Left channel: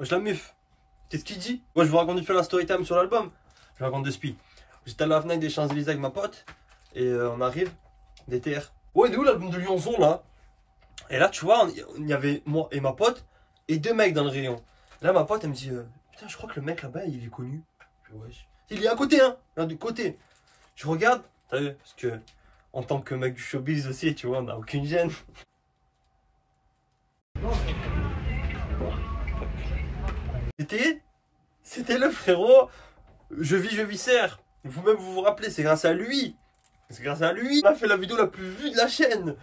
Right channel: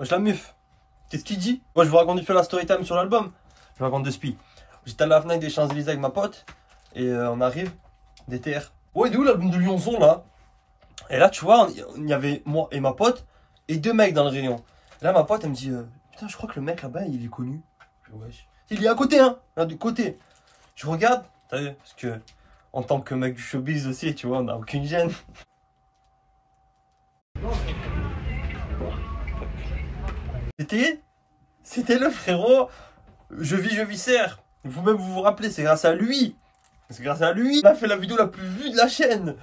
Wesh la meuf, qu'est-ce qu'il dit? Moi je vous raconte vite fait la story time sur l'album. Je vous raconte de spi. J'étais à la Fnac des Champs-Élysées avec ma pote. Et on arrive, DTR. Ouais, il est où l'album de Lyonzon là? Et là tu vois, il y avait moi et ma pote et deux mecs dans le rayon. Là ma pote elle me dit putain je crois que le mec là-bas il est connu. Je dis, wesh. Il est à côté hein, là du côté. Je regarde, t'as vu, parce que en tant que mec du showbiz aussi, tu vois, on n'a aucune gêne. C'était le frérot, je vis serre. Vous-même vous vous rappelez, c'est grâce à lui. C'est grâce à lui. Il a fait la vidéo la plus vue de la chaîne.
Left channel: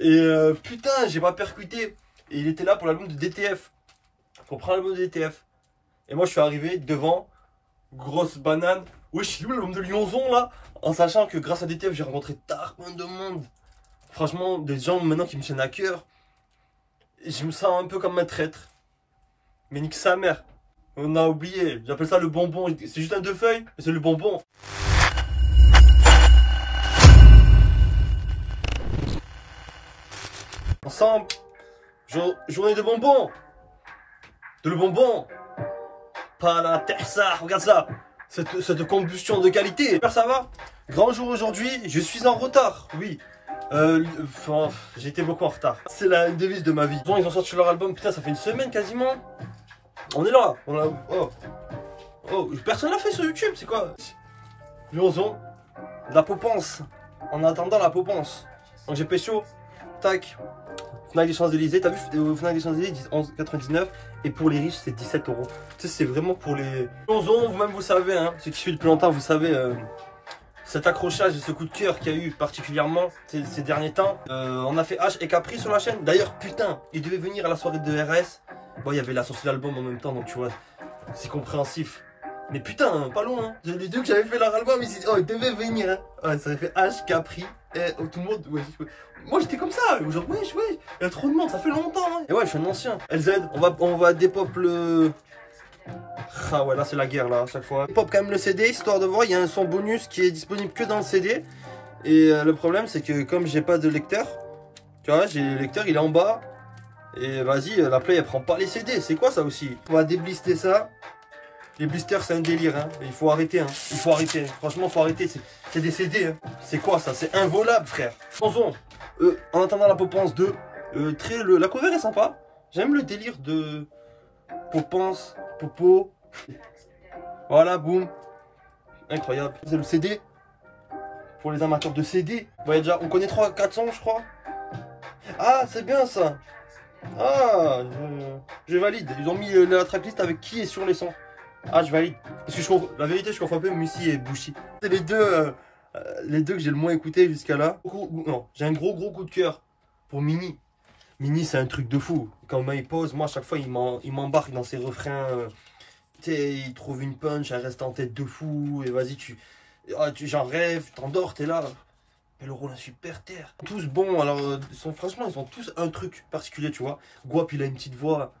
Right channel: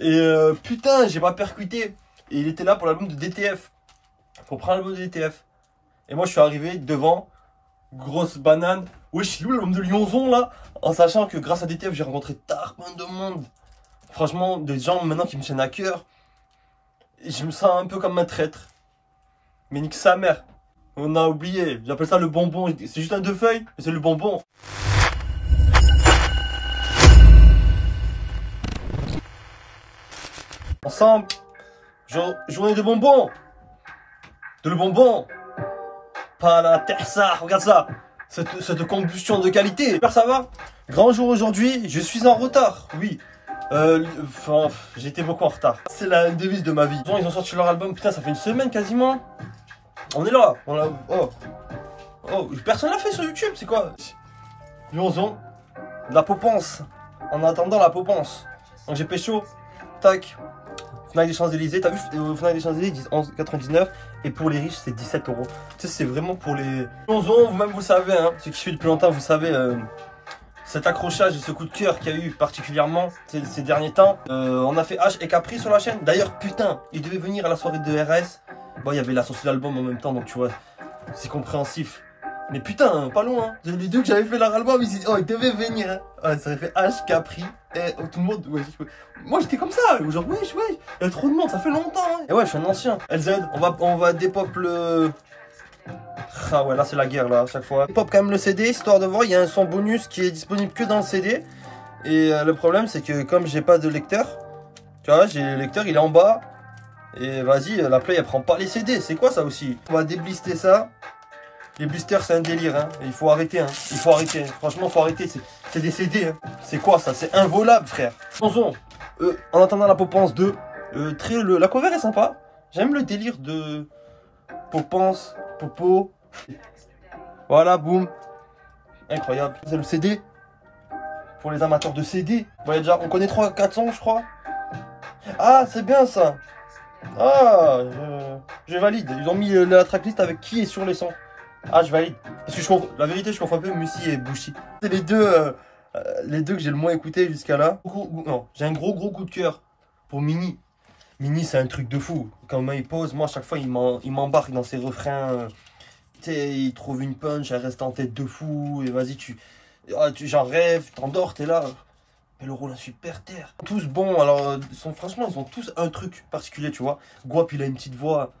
Et putain, j'ai pas percuté. Et il était là pour l'album de DTF. Pour prendre l'album de DTF. Et moi je suis arrivé devant, grosse banane. Wesh, l'album de Lyonzon là. En sachant que grâce à DTF, j'ai rencontré tellement de monde. Franchement, des gens maintenant qui me tiennent à cœur. Et je me sens un peu comme un traître. Mais nique sa mère. On a oublié. J'appelle ça le bonbon. C'est juste un deux feuilles, mais c'est le bonbon. Ensemble, journée de bonbons. De le bonbon. Pas la terre, ça. Regarde ça. Cette combustion de qualité. J'espère ça va. Grand jour aujourd'hui. Je suis en retard. Oui. J'étais beaucoup en retard. C'est la devise de ma vie. Ils ont sorti leur album. Putain, ça fait une semaine quasiment. On est là. On l'a. Oh. Personne l'a fait sur YouTube. C'est quoi? Lyonzon. La popence. En attendant la popence. Donc j'ai pécho. Tac. Fnac des Champs-Élysées. T'as vu, Fnac des Champs-Élysées, ils disent 11,99. Et pour les riches, c'est 17 €. Tu sais, c'est vraiment pour les. Lyonzon, vous-même, vous savez, hein. Ceux qui suivent depuis longtemps, vous savez. Cet accrochage et ce coup de cœur qu'il y a eu particulièrement ces derniers temps. On a fait H et Capri sur la chaîne. D'ailleurs, putain, il devait venir à la soirée de RS. Bon, il y avait la sortie de l'album en même temps, donc tu vois, c'est compréhensif. Mais putain, pas loin. Hein. Les deux que j'avais fait leur album, ils devaient venir. Hein. Ouais, ça avait fait H, Capri, et tout le monde. Ouais. Moi, j'étais comme ça. Genre, wesh, il y a trop de monde, ça fait longtemps. Hein. Et ouais, je suis un ancien. LZ, on va dépop le. Ah ouais, là c'est la guerre là à chaque fois. Pop quand même le CD histoire de voir, il y a un son bonus qui est disponible que dans le CD. Et le problème c'est que comme j'ai pas de lecteur, tu vois, j'ai le lecteur, il est en bas. Et vas-y, la Play elle prend pas les CD, c'est quoi ça aussi? On va déblister ça. Les blisters c'est un délire hein, il faut arrêter hein, il faut arrêter. Franchement faut arrêter, c'est des CD hein. C'est quoi ça? C'est involable frère. Attention, en attendant la Popence 2, la cover est sympa. J'aime le délire de Popence, Popo. Voilà, boum. Incroyable. C'est le CD. Pour les amateurs de CD. Bon, déjà, on connaît 3-4 sons, je crois. Ah, c'est bien ça. Ah, je valide. Ils ont mis la tracklist avec qui est sur les sons. Ah, je valide. Parce que la vérité, je confonds un peu Musi et Bouchi. C'est les deux que j'ai le moins écouté jusqu'à là. Non, j'ai un gros coup de cœur pour Mini. Mini, c'est un truc de fou. Quand il pose, moi, à chaque fois, il m'embarque dans ses refrains. Tu sais, il trouve une punch, elle reste en tête de fou. Et vas-y, j'en rêve, tu t'endors, t'es là. Mais le rôle, super terre. Tous bons, alors, franchement, ils ont tous un truc particulier, tu vois. Guap, il a une petite voix.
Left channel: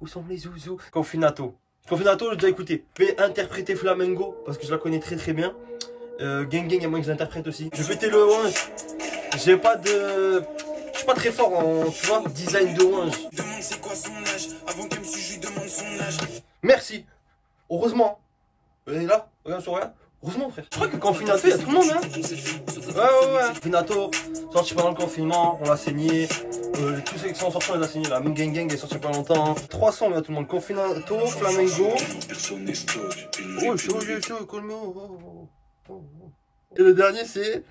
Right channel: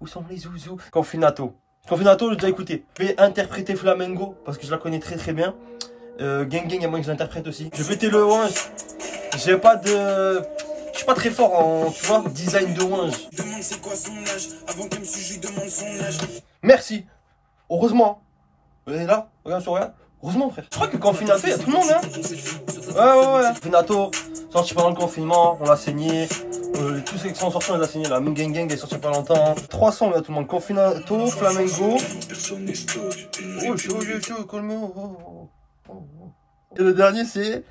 Où sont les zouzous? Confinato, j'ai déjà écouté. Je vais interpréter Flamengo, parce que je la connais très bien. Gang, il y a moyen que je l'interprète aussi. Je vais péter le Wange. J'ai pas de. Je suis pas très fort en, tu vois, design de Wange. Merci. Heureusement. Et là, regarde sur rien. Heureusement, frère. Je crois que Confinato, il y a tout le monde, hein. Ouais. Confinato, sorti pendant le confinement, on l'a saigné. Tous ceux qui sont sortis, on les a saignés. La Gang est sorti pas longtemps. 300, il y a tout le monde. Confinato, Flamengo. Oh, chaud, colmo. Et le dernier, c'est.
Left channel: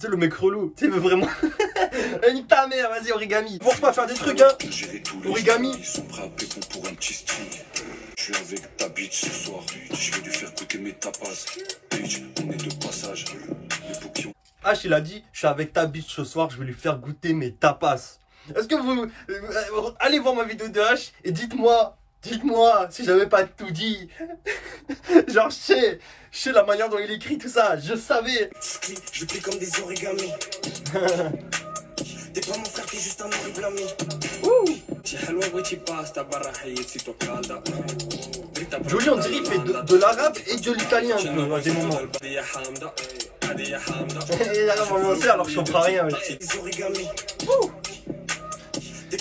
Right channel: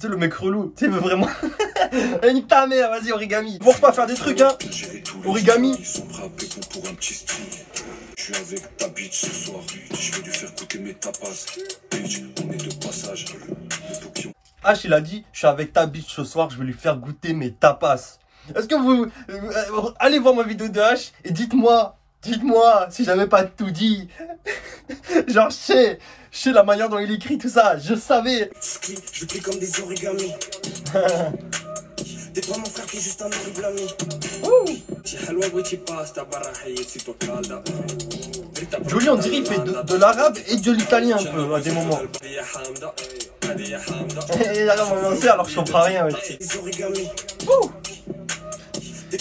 Tu sais, le mec relou. Tu sais, vraiment. Nique ta mère, vas-y, Origami. Force pas à faire des trucs, hein. Origami. Je suis avec ta bitch ce soir. Je vais lui faire goûter mes tapas. Bitch, on est de passage. H, il a dit, je suis avec ta bitch ce soir. Je vais lui faire goûter mes tapas. Est-ce que vous. Allez voir ma vidéo de H et dites-moi si j'avais pas tout dit. Genre, je sais la manière dont il écrit tout ça. Je savais. Je crie comme des origamis. T'es pas mon frère, t'es juste un origami. Joli, on dirait qu'il fait de l'arabe et de l'italien à des moments. Et là, on va lancer alors que je comprends rien.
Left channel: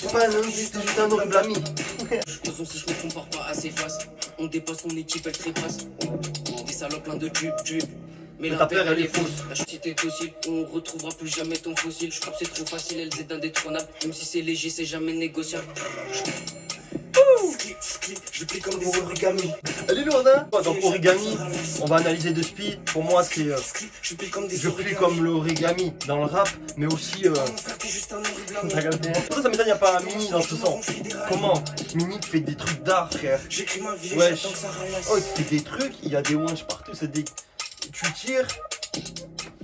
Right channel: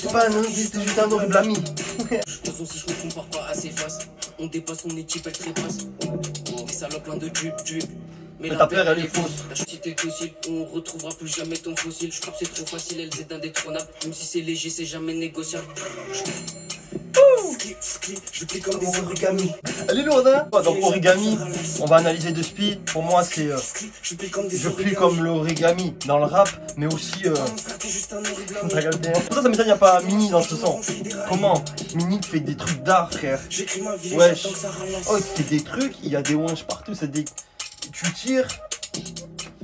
C'est pas un c'était juste un horrible ami. De toute façon, si je me compare pas à ses faces, on dépasse son équipe, elle trépasse. Des salopes plein de tubes. Mais ta peur, elle est fausse. La chute est docile, on retrouvera plus jamais ton fossile. Je crois que c'est trop facile, elle est indétrônable. Même si c'est léger, c'est jamais négociable. Je plie comme des origamis. Elle est lourde, hein? Donc origami, on va analyser de spi. Pour moi, c'est je plie comme l'origami dans le rap, mais aussi t'as capté, hein? Pour ça m'étonne, il n'y a pas Mini dans ce son. Comment? Mini fait des trucs d'art, frère. Wesh. Oh, il fait des trucs, il y a des wanches partout, c'est des... Tu tires.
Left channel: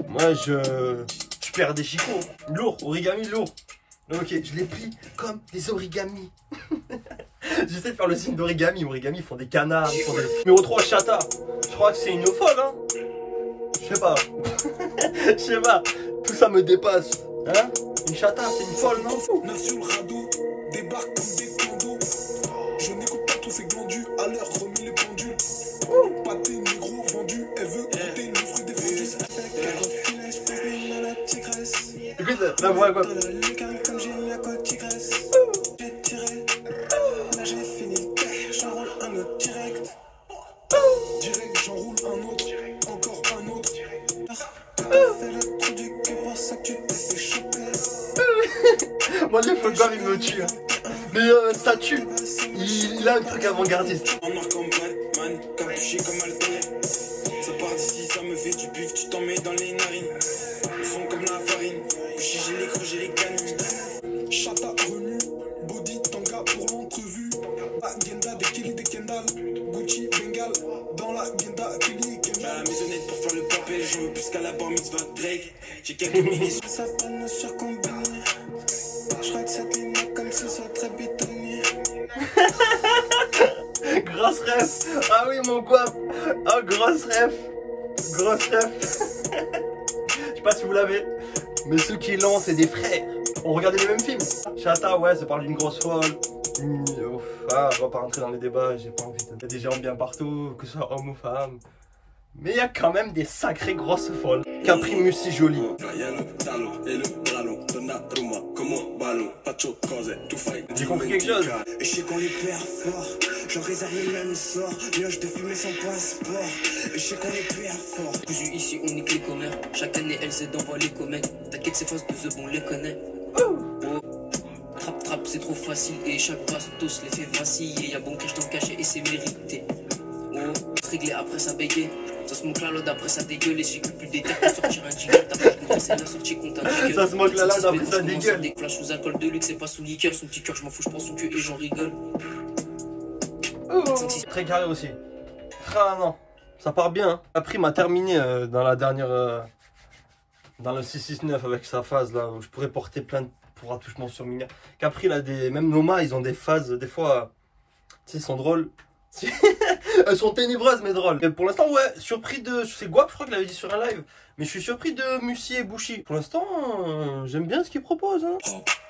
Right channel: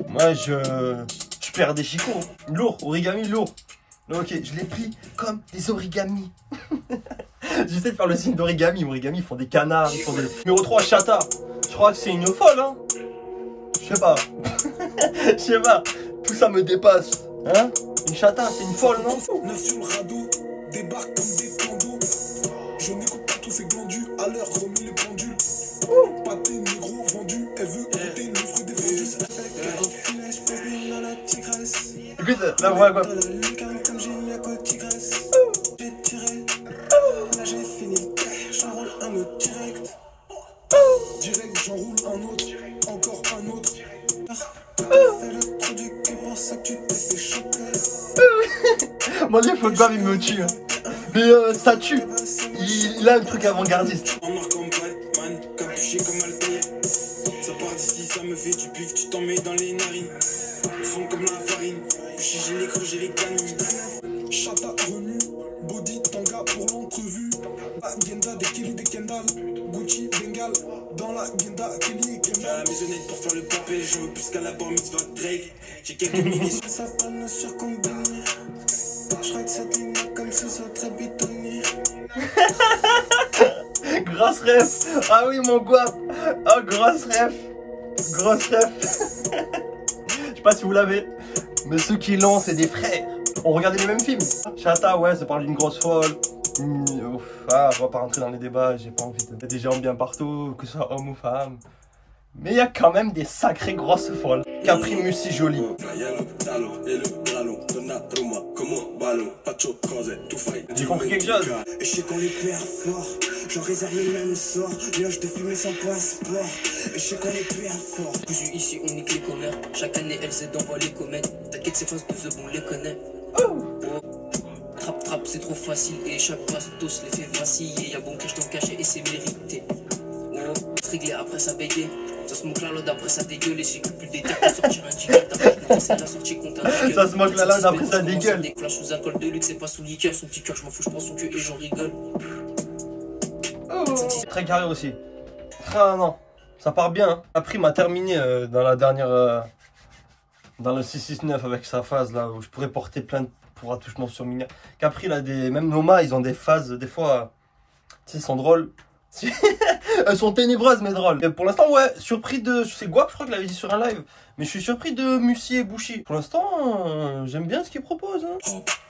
Moi, je perds des chicots. Lourd, origami lourd. Ok, je les plie comme des origamis. J'essaie de faire le signe d'origami. Origami, ils font des canards, ils font des... Numéro 3, chata. Je crois que c'est une folle, hein. Je sais pas. Je sais pas. Tout ça me dépasse. Hein? Une chata, c'est une folle, non? Débarque comme des condos. Je n'écoute pas tous ces glandus. À l'heure, remis les pendules. Pâté, négro, vendu. Elle veut goûter le fruit des fondus. Écoute, la voix quoi? Direct, j'enroule un autre, encore un autre. Mon dieu, faut grave, il me tue. Mais ça tue. Il a un truc avant-gardiste. En marque comme Batman, capuché comme Altaïr. Ça part d'ici, ça me fait du bif, tu t'en mets dans les narines. Ils sont comme la farine, j'ai les creux, j'ai les canines. Chata remue, body tanga pour l'entrevue. Agenda de Kelly de Kendall, Gucci Bengal. Dans la Genda, Kelly et Kendall. La maisonnette pour faire le papel, je veux plus qu'à la bar mitzvah Drake. J'ai quelques milliers. Satan sur combini. Je crois que ça t'aime comme si ça très bétonné. Grosse ref. Ah oui mon guap. Oh grosse ref. Grosse ref. Je sais pas si vous l'avez. Mais ceux qui l'ont c'est des frères. On regardait les mêmes films. Chata ouais ça parle d'une grosse folle. Ah, on va pas rentrer dans les débats, j'ai pas envie de... Il y a des gens bien partout, que ce soit homme ou femme. Mais il y a quand même des sacrées grosses folles. Capri Mussi jolie. J'ai compris quelque chose. Je sais qu'on les perd fort, j'en réserve le même sort. Mioche de fumer sans passeport. Je sais qu'on les perd fort. Cousu ici, on nique les commères. Chaque année, elle s'est d'envoie les comètes. T'inquiète, c'est fausse, tous on les connaît. Trap, c'est trop facile. Et chaque bastos les fait vaciller. Y'a bon cache dans le cachet et c'est mérité. Réglé après ça bégaye. Ça se moque la lode après ça dégueule. Et j'écoute plus des terres pour sortir un ticket. C'est la sortie contre un ticket. Ça se moque la lode après ça dégueule. Des flashs sous alcool de luxe, c'est pas sous liqueur. Son petit cœur, je m'en fous, je prends son cul et j'en rigole. Très carré aussi. Ah non, ça part bien. Hein. Après, m'a terminé dans la dernière. Dans le 669 avec sa phase là où je pourrais porter plainte pour attouchement sur mineur. Capri là, même Noma, ils ont des phases, des fois, tu sais, sont drôles. Elles sont ténébreuses mais drôles. Et pour l'instant, ouais, surpris de. C'est Guap, je crois qu'il l'avait dit sur un live. Mais je suis surpris de Mussi et Bouchy. Pour l'instant, j'aime bien ce qu'ils proposent. Hein.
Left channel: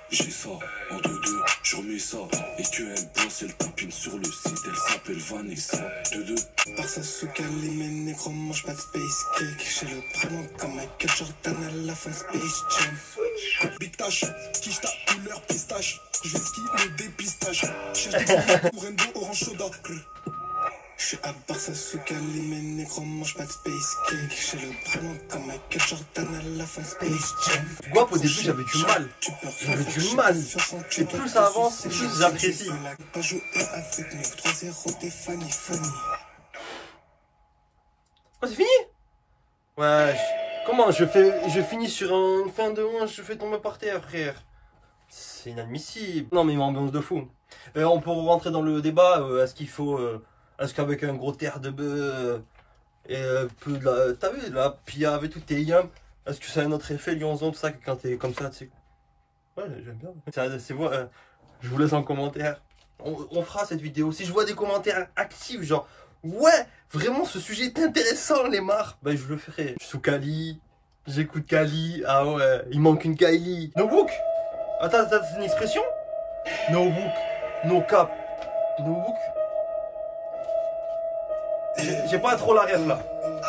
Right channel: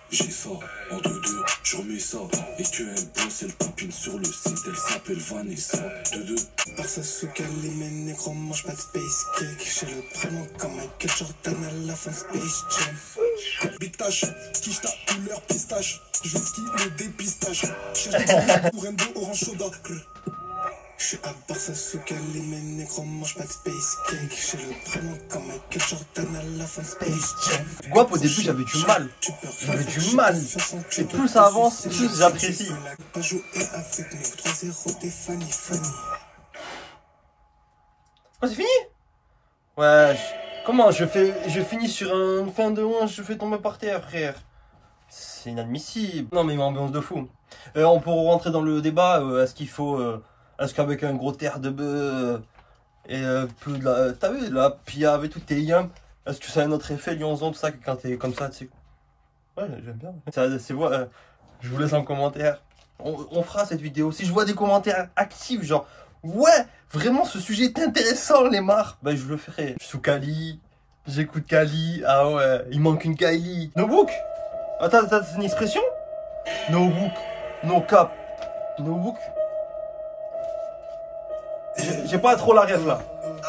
J'ai ça, en 2-2, je remets ça. Et qu'elle bosse, elle tapine sur le site, elle s'appelle Vanessa. 2-2. Par sa souka, les mêmes négros mangent pas de space cake. J'ai le prénom comme Michael Jordan à la fin Space Jam. Bitache, quiche ta couleur pistache. Je ski le dépistage. Cherche des pour un dos orange soda. Je suis à Barça Souka, les mêmes négros mangent pas de space cake. J'ai le prénom comme Michael Jordan à la fin Space Jam. Guap, au début, j'avais du mal. J'avais du mal. Et plus ça avance, plus j'apprécie. Pas jouer avec nous, 3-0 des Fanny. Oh, c'est fini? Ouais. Comment je finis sur un fin de manche, je fais tomber par terre, frère. C'est inadmissible. Non, mais une ambiance de fou. On peut rentrer dans le débat. Est-ce qu'il faut... Est-ce qu'avec un gros terre de bœuf et peu de la... T'as vu, la pia avec tout tes yams, est-ce que ça a un autre effet, Lyonzon, tout ça, que quand t'es comme ça, tu sais... Ouais, j'aime bien. C'est moi, je vous laisse en commentaire. On fera cette vidéo. Si je vois des commentaires actifs, genre... Ouais, vraiment, ce sujet est intéressant, les marres. Bah, je le ferai. Je suis sous Kali, j'écoute Kali. Ah ouais, il manque une Kylie. No book. Attends, c'est une expression? No book, no cap. No book. J'ai pas trop la rêve là.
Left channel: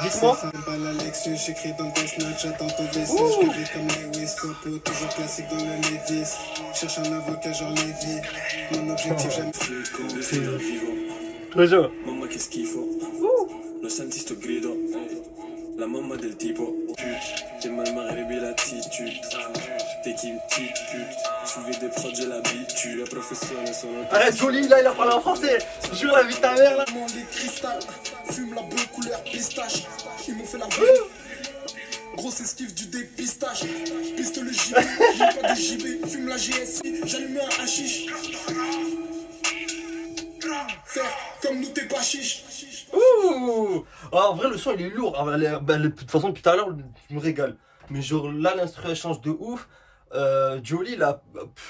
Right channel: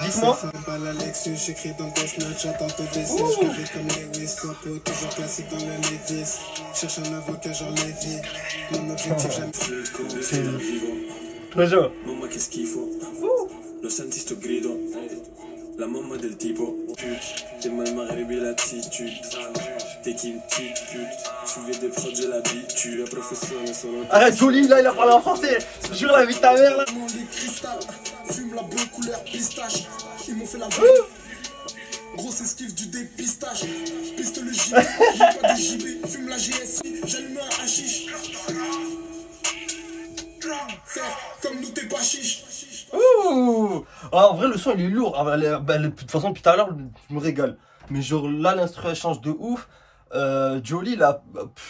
Dites-moi. J'écris dans Death Note, j'attends ton décès. Je revis comme Lewis, Copo, toujours classique dans le Levis. Cherche un avocat genre Lévi. Mon objectif, j'aime Toujours. Mamma che schifo. Lo senti sto grido. La mamma del tipo. Pute, t'es mal marié l'attitude. T'es qui une petite pute. Soulever des prods, j'ai l'habitude. La professionnelle solo. Arrête, Jolie, là, il a parlé en français. Jure la vie de ta mère, là. Des cristal. Fume la bleue couleur pistache. Ils m'ont fait la vie. Grosse esquive du dépistage. Piste le gilet. J'ai pas de gilet. Fume la GSI. J'allume un hashish. Faire comme nous, t'es pas chiche. Ouh. Ah, en vrai, le son il est lourd. Ah, de toute façon, depuis tout à l'heure, je me régale. Mais genre là, l'instru elle change de ouf. Jolie, là,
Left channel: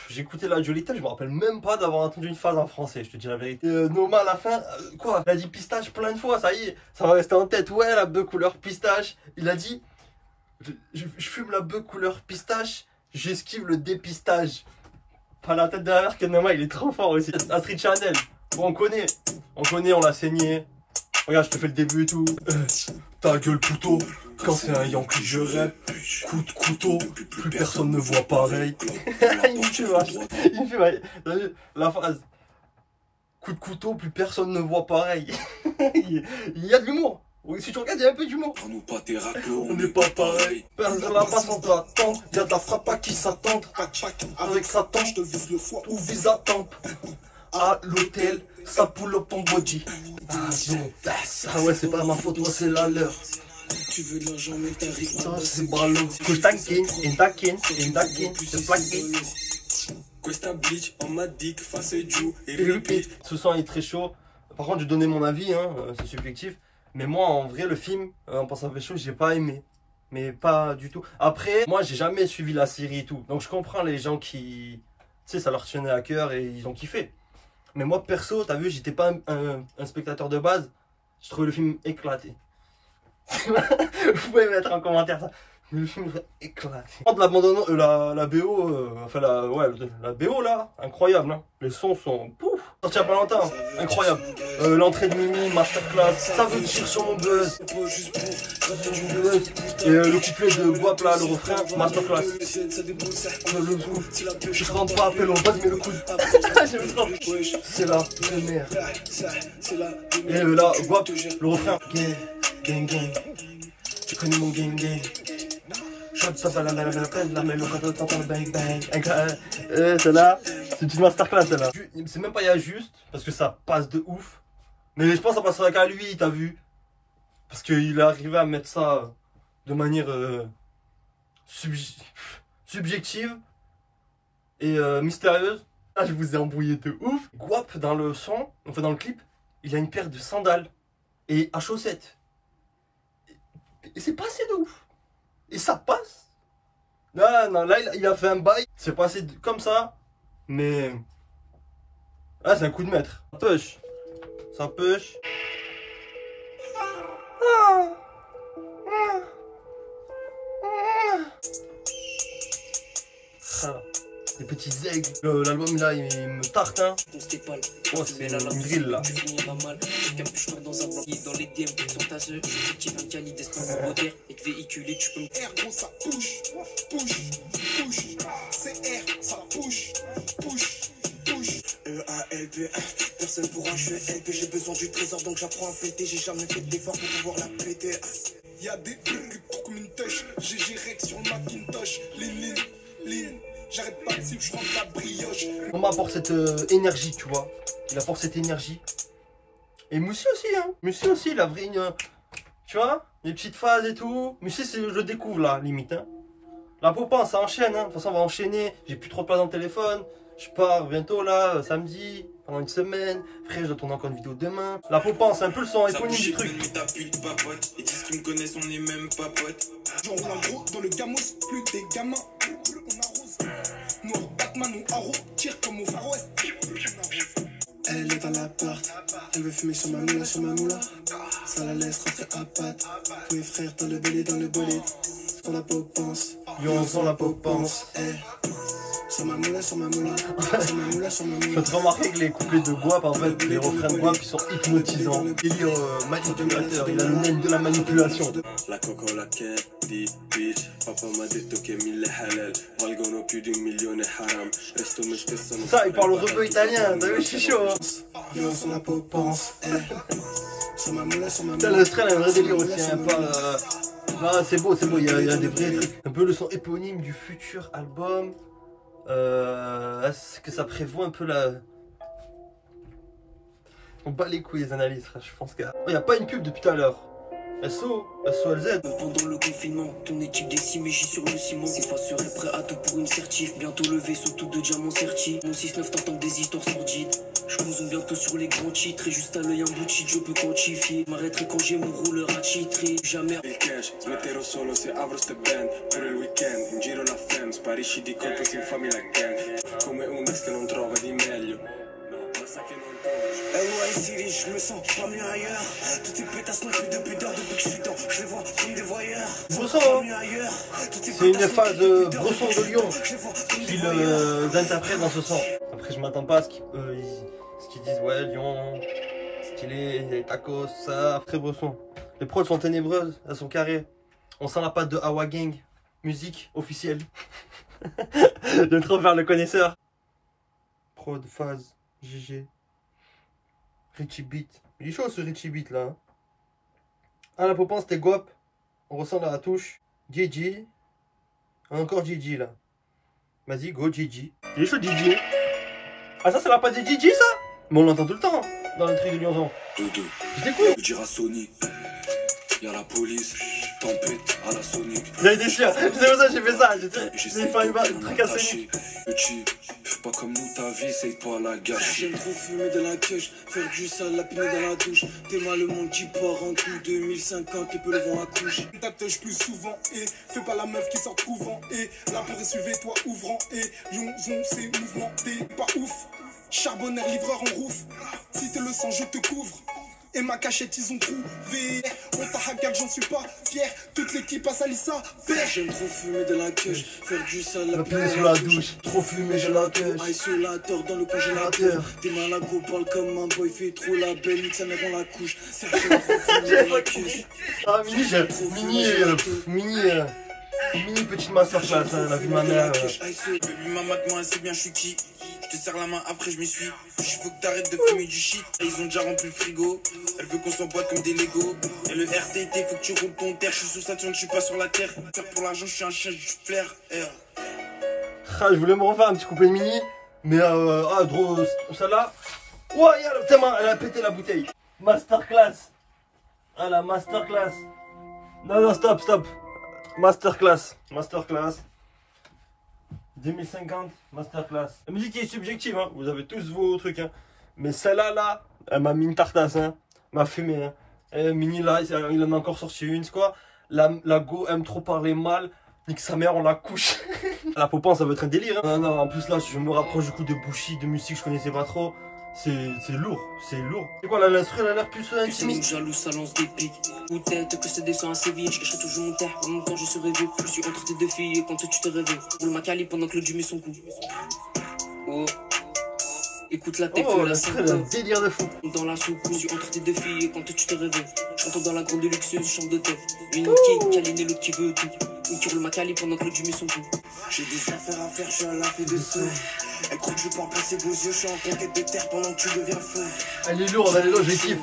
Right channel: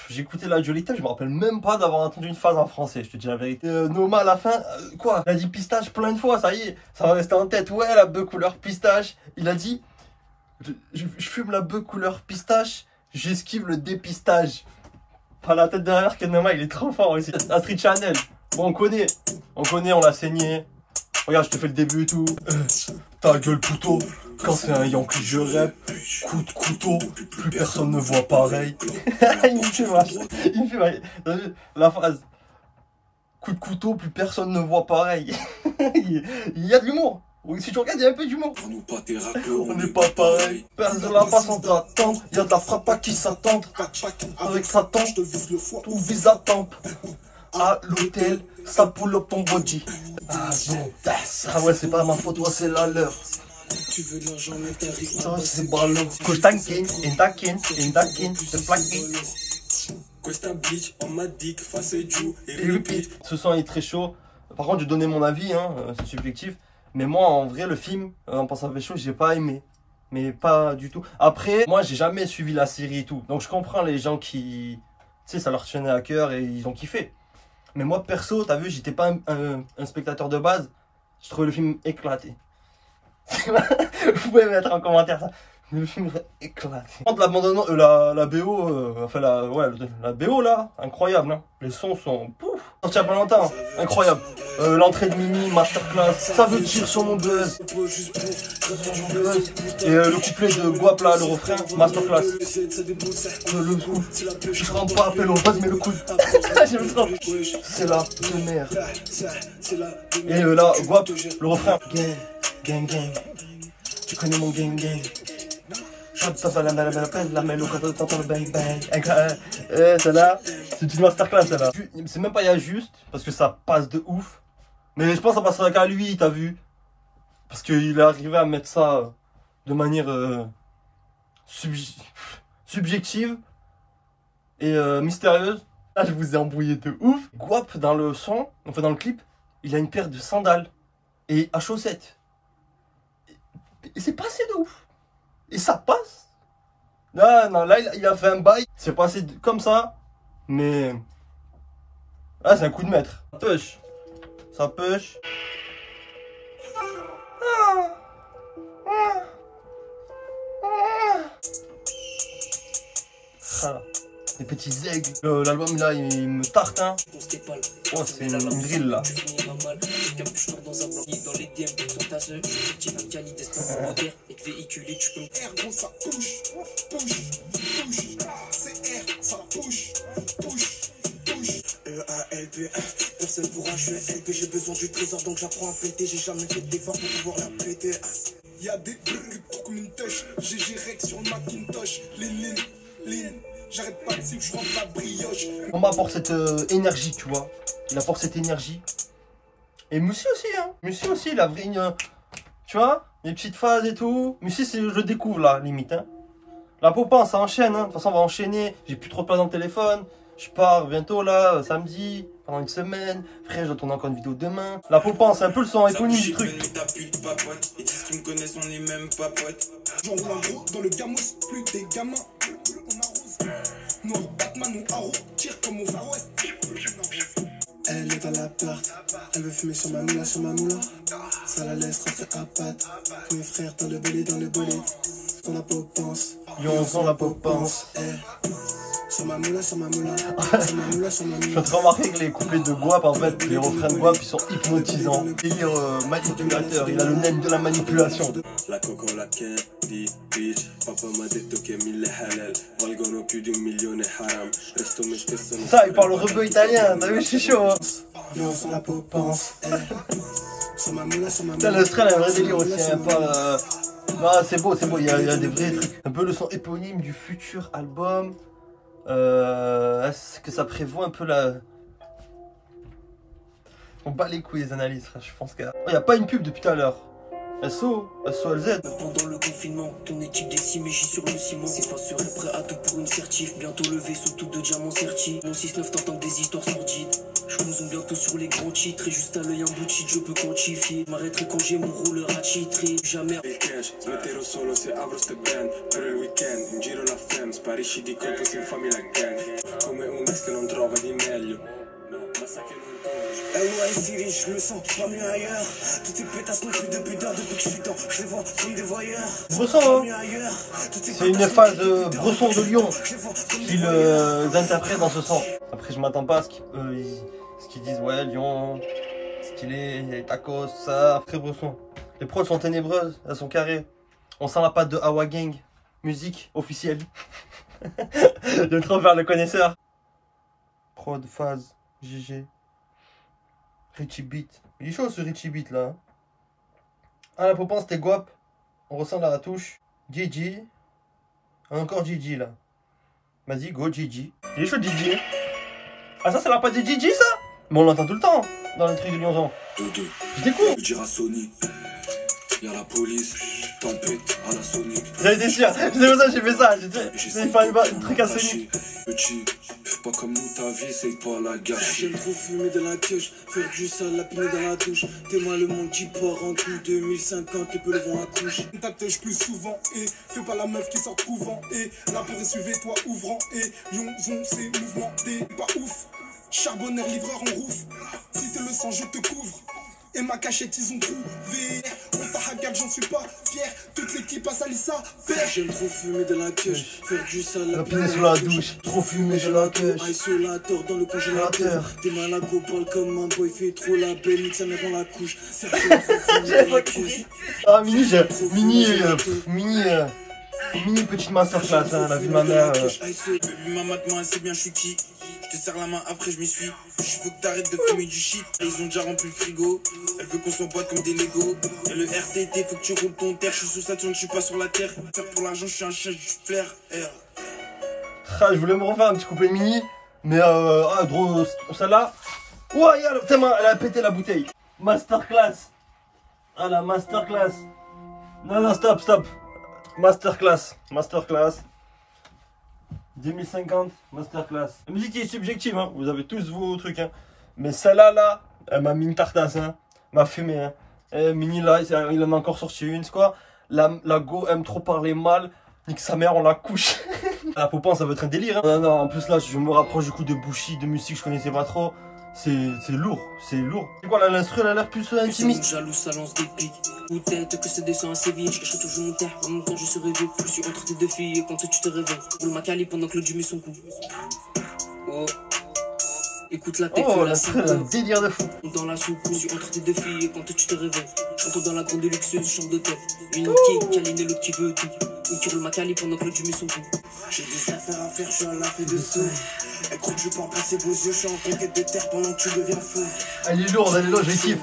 j'ai écouté la Jolie Tale, je me rappelle même pas d'avoir entendu une phrase en français, je te dis la vérité. Noma à la fin, quoi, il a dit pistache plein de fois, ça y est, ça va rester en tête. Ouais, la bœuf couleur pistache. Il a dit, je fume la bœuf couleur pistache, j'esquive le dépistage. Pas la tête derrière que Noma, il est trop fort aussi. Astrid Chanel, bon, on connaît, on l'a saigné. Regarde, je te fais le début et tout. Ta gueule couteau, quand c'est un Yankee je rêve. Coup de couteau, plus personne ne voit pareil. Il me fait mal. Il me fait mal. T'as vu la phrase? Coup de couteau, plus personne ne voit pareil. Il y a de l'humour. Oui, si tu regardes, il y a un peu d'humour. On n'est pas pareil. Personne la passe sans attendre. Il y a de la frappe à qui s'attendre. Avec sa tante, tout vise à tempe. À l'hôtel, ça pull up ton body. Ah non, ah ouais, c'est pas ma faute, ouais, c'est la leur. Tu veux de l'argent, mais t'as Ça, c'est ballot. Costankin, Indakin, c'est plaqué. Questa bitch, on m'a dit que face Dieu Et repeat. Ce son est très chaud. Par contre, je donnais mon avis, hein, c'est subjectif. Mais moi, en vrai, le film, en pensant à quelque chose, j'ai pas aimé. Mais pas du tout. Après, moi, j'ai jamais suivi la série et tout. Donc, je comprends les gens qui, tu sais, ça leur tenait à cœur et ils ont kiffé. Mais moi, perso, t'as vu, j'étais pas un spectateur de base. Je trouvais le film éclaté. Vous pouvez mettre en commentaire ça. Le film éclaté. La BO, enfin la BO là, incroyable. Hein. Les sons sont pouf. Sorti il y a pas longtemps, incroyable. L'entrée de Mimi, masterclass. Ça veut dire sur mon buzz. Et le couplet de Guap là, le refrain, masterclass. Le coup. Je rentre pas appel au buzz mais le coup. J'aime trop. C'est la merde. Et là, Guap, le refrain. Gang, gang, gang. Tu connais mon gang, gang. La mélo quand t'entends le bang bang. Celle-là, c'est une masterclass celle-là. C'est même pas il y a juste, parce que ça passe de ouf. Mais je pense que ça passera qu'à lui, t'as vu. Parce qu'il est arrivé à mettre ça de manière subjective et mystérieuse. Là, je vous ai embrouillé de ouf. Guap dans le son, enfin dans le clip, il a une paire de sandales et à chaussettes. Et c'est passé de ouf. Et ça passe. Non, là, il a fait un bail. C'est passé comme ça. Mais... ah, c'est un coup de maître. Ça push. Ça push. Ah. Les petits aigles. L'album là, il me tarte, hein. Oh, c'est une drill là. Personne pourra jouer LP, j'ai besoin du trésor donc j'apprends à péter, j'ai jamais fait d'effort pour pouvoir la péter. Y'a des bruits comme une touche, j'ai rec sur le Macintosh, les j'arrête pas de suivre, je rentre la brioche. On m'apporte cette énergie, tu vois. Il apporte cette énergie. Et Moussi aussi, hein. Moussi aussi, il a vrai une... tu vois, les petites phases et tout. Moussi, je le découvre là, limite, hein. La Popin, ça enchaîne, hein. De toute façon, on va enchaîner. J'ai plus trop de place dans le téléphone. Je pars bientôt là, samedi, pendant une semaine. Frère, je dois tourner encore une vidéo demain. La Popin, c'est un peu le son éponyme du truc. Ils disent qu'ils me connaissent, on est même pas potes. J'envoie un gros dans le gamos, plus des gamins. Noir Batman ou Arrow, tire comme au Far West. Elle est dans l'appart, elle veut fumer sur ma moula, ça la laisse rentrer à patte. Mes frères dans le bolide, qu'on la peau pense. Yo, on sent la Popin. Sur ma moula, sur ma moula. Je peux te remarquer que les couplets de Guap, en fait, les refrains de Guap, ils sont hypnotisants. Délire manipulateur, il a le nez de la manipulation. La coco, la quête, dit, bitch. Papa m'a dit que mille halal. Valgono plus d'un million et haram. Resto, mais je Ça, il parle rebeu italien, t'as vu, je suis chaud. Hein. Yo, sur la popence. Sur ma moula, sur ma Putain, moula. l'Australie a un vrai délire aussi, hein, pas... Non, c'est beau, il y a des vrais trucs. Un peu le son éponyme du futur album. Est-ce que ça prévoit un peu la... On bat les couilles les analyses, je pense qu'il n'y a pas une pub depuis tout à l'heure. SOLZ. Pendant le confinement, ton équipe décimée, j'y sur le ciment. C'est pas sûr, prêt à tout pour une certif. Bientôt levé, surtout de diamants sertis. Mon 6-9 t'entends des histoires sordides. Je consomme bientôt sur les grands titres. Et juste à l'œil un bout de cheat, je peux quantifier. M'arrêterai quand j'ai mon rouleur à titrer. Jamais. Cash, mettero solo se apro ste band per il weekend, in giro la fam, sparisci di colpo se fammi la gang. Come un ex che non trova di meglio. No, ma sa che non City, je me sens pas mieux ailleurs. Toutes ces pétasses n'ont plus de pudeur depuis que je suis dans. Je les vois comme des voyeurs. Bresson, hein. C'est une phase Bresson de Lyon qu'ils interprètent dans ce sens. Après, je m'attends pas à ce qu'ils disent, ouais, Lyon, stylé, il y a les tacos, ça. Après, Bresson. Les prods sont ténébreuses, elles sont carrées. On sent la patte de Awa Gang. Musique officielle. J'aime trop faire le connaisseur. Prod, phase, GG. Richie Beat. Il est chaud ce Richie Beat là. Ah, la popance c'était Guap. On ressent la touche. Gigi. Encore Gigi là. Vas-y, go Gigi. Il est chaud Gigi. Ah, ça c'est la patte de Gigi ça. Mais on l'entend tout le temps dans les trucs de Lyonzon. Je découvre. dire à Sony, y'a la police, tempête à la Sony. J'avais été sûr. C'est pour ça que j'ai fait ça. J'ai fait un truc à Sony. Petit, fais pas comme nous, ta vie, c'est pas la gâche. J'aime trop fumer de la queche, faire du sale, lapiner dans la douche. T'es mal, le monde qui part en coup 2050, et peu le vent à couche. Ta tèche plus souvent, et fais pas la meuf qui sort couvent, et la porte est suivie, toi ouvrant, et Lyonzon, c'est mouvementé, pas ouf. Charbonneur, livreur en rouf, si t'es le sang, je te couvre. Et ma cachette, ils ont trouvé. On t'a hackard, j'en suis pas fier. Toute l'équipe a sali ça. J'aime trop fumer de la queue. Faire du sale, La piner sous la douche. Trop fumer de la queue. Isolateur dans le congélateur. T'es mal à go, parle comme un boy. Fait trop la belle, nique sa mère dans la couche. Ah, mini petite masterclass, hein, la vie de ma mère. Maman, moi, c'est bien, je suis qui. Je te serre la main, après je m'essuie. Je veux que t'arrêtes de fumer du shit. Ils ont déjà rempli le frigo. Elle veut qu'on s'emboîte comme des Legos. Et le RTT, faut que tu roules ton terre. Je suis sur Saturne, je suis pas sur la terre. Faire pour l'argent, je suis un chien, je flair. Ah, je voulais me refaire un petit couplet de mini. Mais drôle, celle-là. Ouais, elle a pété la bouteille. Masterclass. Ah, la masterclass. Non, stop. Masterclass. 2050, masterclass. La musique est subjective, hein. Vous avez tous vos trucs, hein. Mais celle-là, là, elle m'a mis une tartasse, hein. M'a fumé, hein. Et Mini, là, il en a encore sorti une, c'est quoi? La go aime trop parler mal. Nique sa mère, on la couche. La popance, ça va être un délire, hein. Non, en plus, là, je me rapproche du coup de Bushi, de musique que je connaissais pas trop. C'est lourd. C'est quoi là, l'instru, elle a l'air plus intimiste. Jaloux, ça lance des pics. Ou tête que ça descend assez vite. Je cacherai toujours mon terre. En même temps, je serai vieux. Je suis entre tes deux filles. Et quand tu te réveilles, roule ma cali pendant que l'autre met son cou. Oh. Écoute la tête. Oh, l'instru, elle a un délire de fou. Dans la soupe, je suis entre tes deux filles. Et quand tu te réveilles, j'entends dans la grande luxueuse, chambre de tête. Une qui câline et l'autre qui veut tout. Une qui roule ma cali pendant que l'autre met son cou. J'ai des affaires à faire, je suis à la fin de seuil. Elle croit que je parle pas ses beaux yeux, je suis en conquête de terre pendant que tu deviens fou. Elle est lourde, je kiffe.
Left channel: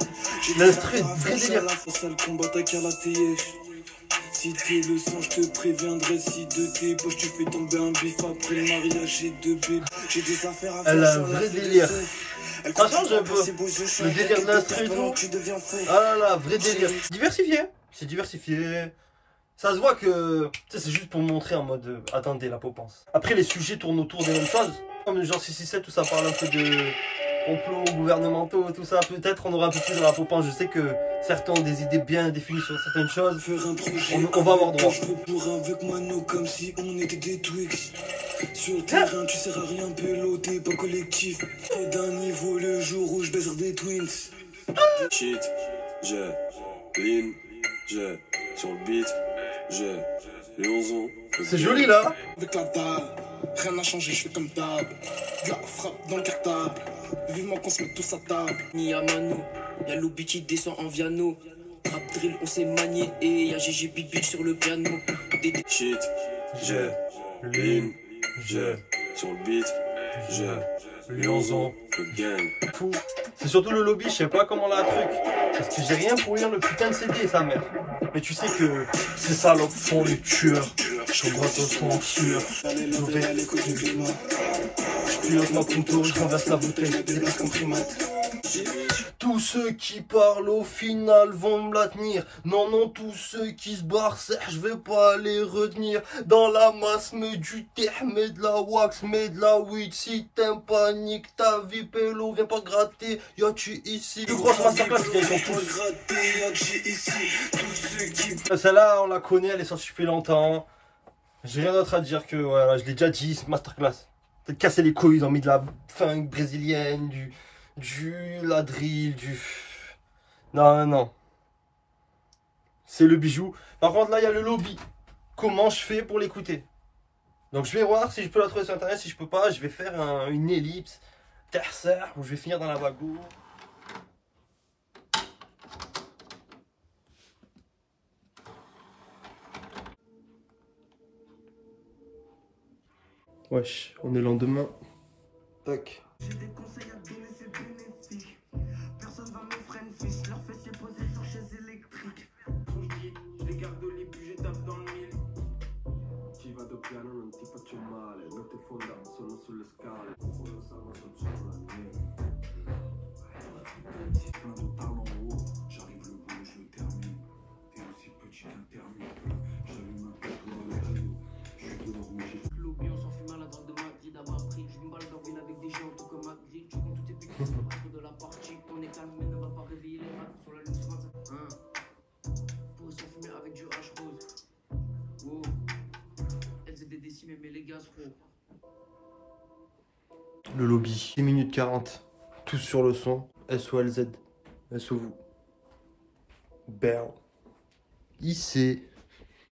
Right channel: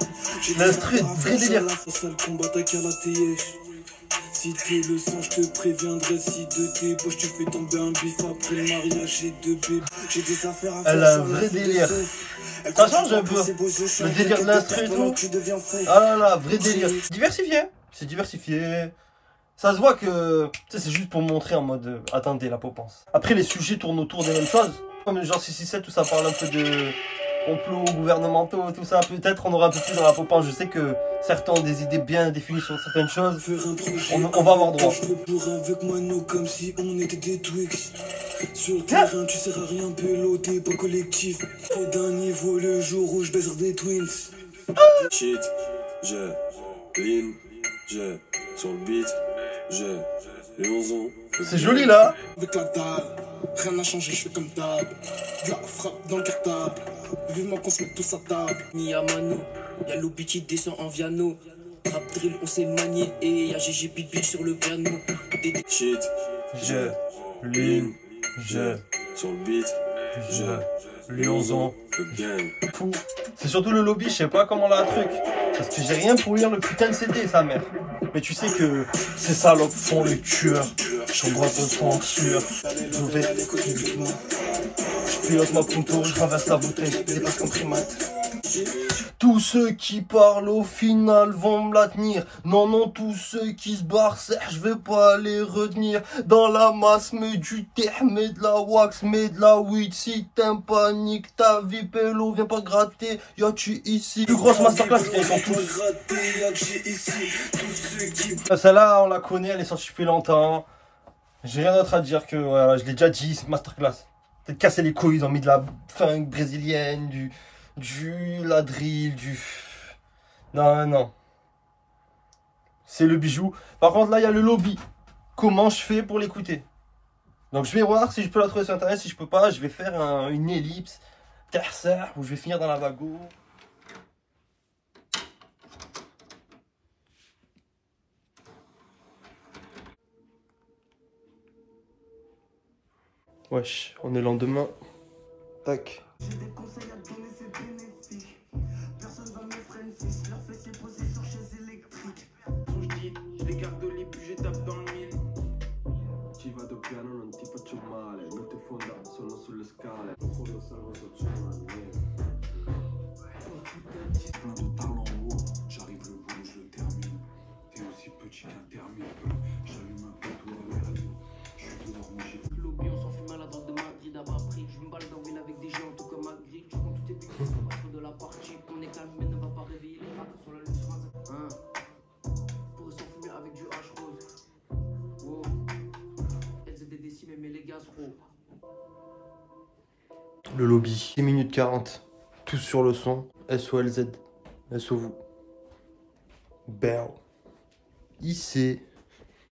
L'instru, vrai délire. Sale combat, t'as qu'à la TH. Si tu le sens, je te préviendrai. Si de tes poches, tu fais tomber un bif après le mariage. J'ai deux bébés, j'ai des affaires à faire. Elle a un vrai délire. Ça change un peu. Le délire de l'instru et tout. Ah là là, vrai délire. Diversifié. C'est diversifié. Ça se voit que c'est juste pour montrer en mode attendez la popance. Après les sujets tournent autour des mêmes choses. Comme genre 667 où ça parle un peu de complots gouvernementaux, tout ça. Peut-être on aura un peu plus dans la popance. Je sais que certains ont des idées bien définies sur certaines choses. On va avoir droit. Avec moi, nous, comme si on était des Twix. Sur le terrain, tu sers à rien, pélo, t'es pas collectif. Au d'un niveau, le jour où je baisse des twins. Shit, lean, sur le beat, Lyonzon. C'est joli là. Avec la dalle, Rien n'a changé, je fais comme d'hab. Gars, frappe dans le cartable. Vivement qu'on se mette tous à table. Ni à Mano, y'a Lobby qui descend en Viano. Rap drill, on s'est manié et y'a GG Big Big sur le piano. Shit, Je, ligne, je, sur le beat, je, Lyonzon. le gang. Fou. C'est surtout le lobby, je sais pas comment là truc. Parce que j'ai rien pour lire le putain de CD, sa mère. Mais tu sais que ces salopes font les tueurs. Je suis droit de sang sûr. Je vais, je pilote ma punto, je traverse la bouteille, je dépasse comme primate. Tous ceux qui parlent au final vont me la tenir. Non, non, tous ceux qui se barrent, je vais pas les retenir. Dans la masse, mets du terre, mets de la wax, mets de la weed. Si t'aimes pas, nique ta vie, pélo, viens pas te gratter. Y'a tu ici. Plus grosse masterclass, c'est qu'ils sont tous. Celle-là, on la connaît, elle est sortie depuis longtemps. J'ai rien d'autre à dire que, voilà, je l'ai déjà dit, cette masterclass. Peut-être casser les couilles, ils ont mis de la funk brésilienne, la drill, Non, non. C'est le bijou. Par contre, là, il y a le lobby. Comment je fais pour l'écouter? Donc, je vais voir si je peux la trouver sur Internet. Si je peux pas, je vais faire une ellipse. Terre, où je vais finir dans la vago. Wesh, on est lendemain. Tac. J'ai des conseils à te donner, c'est bénéfique. Personne va me freiner, fils. Leur fessier posé sur chaise électrique. Je les garde les puis je tape dans le mille. Ci vado piano, non ti faccio male. Non ti fonda, sono sulle scale. Quello salvo j'arrive le bout, je le termine. T'es aussi petit qu'un termine. J'allume un peu pour les radios. Je suis dehors, mais j'ai Lobby, on s'en fout mal, la drogue de Madrid à bas prix. Je me balle d'orvine avec des gens tout comme Madrid. Tu comptes tout tes buts de la partie. On est calme, mais ne va pas réveiller les rats sur la loose matin. Pour s'en fumer avec du H rose. Oh, LZD décimé, mais les gaz gros. Le lobby. 10 minutes 40. Tous sur le son. SOLZ. SO vous. Bern. IC.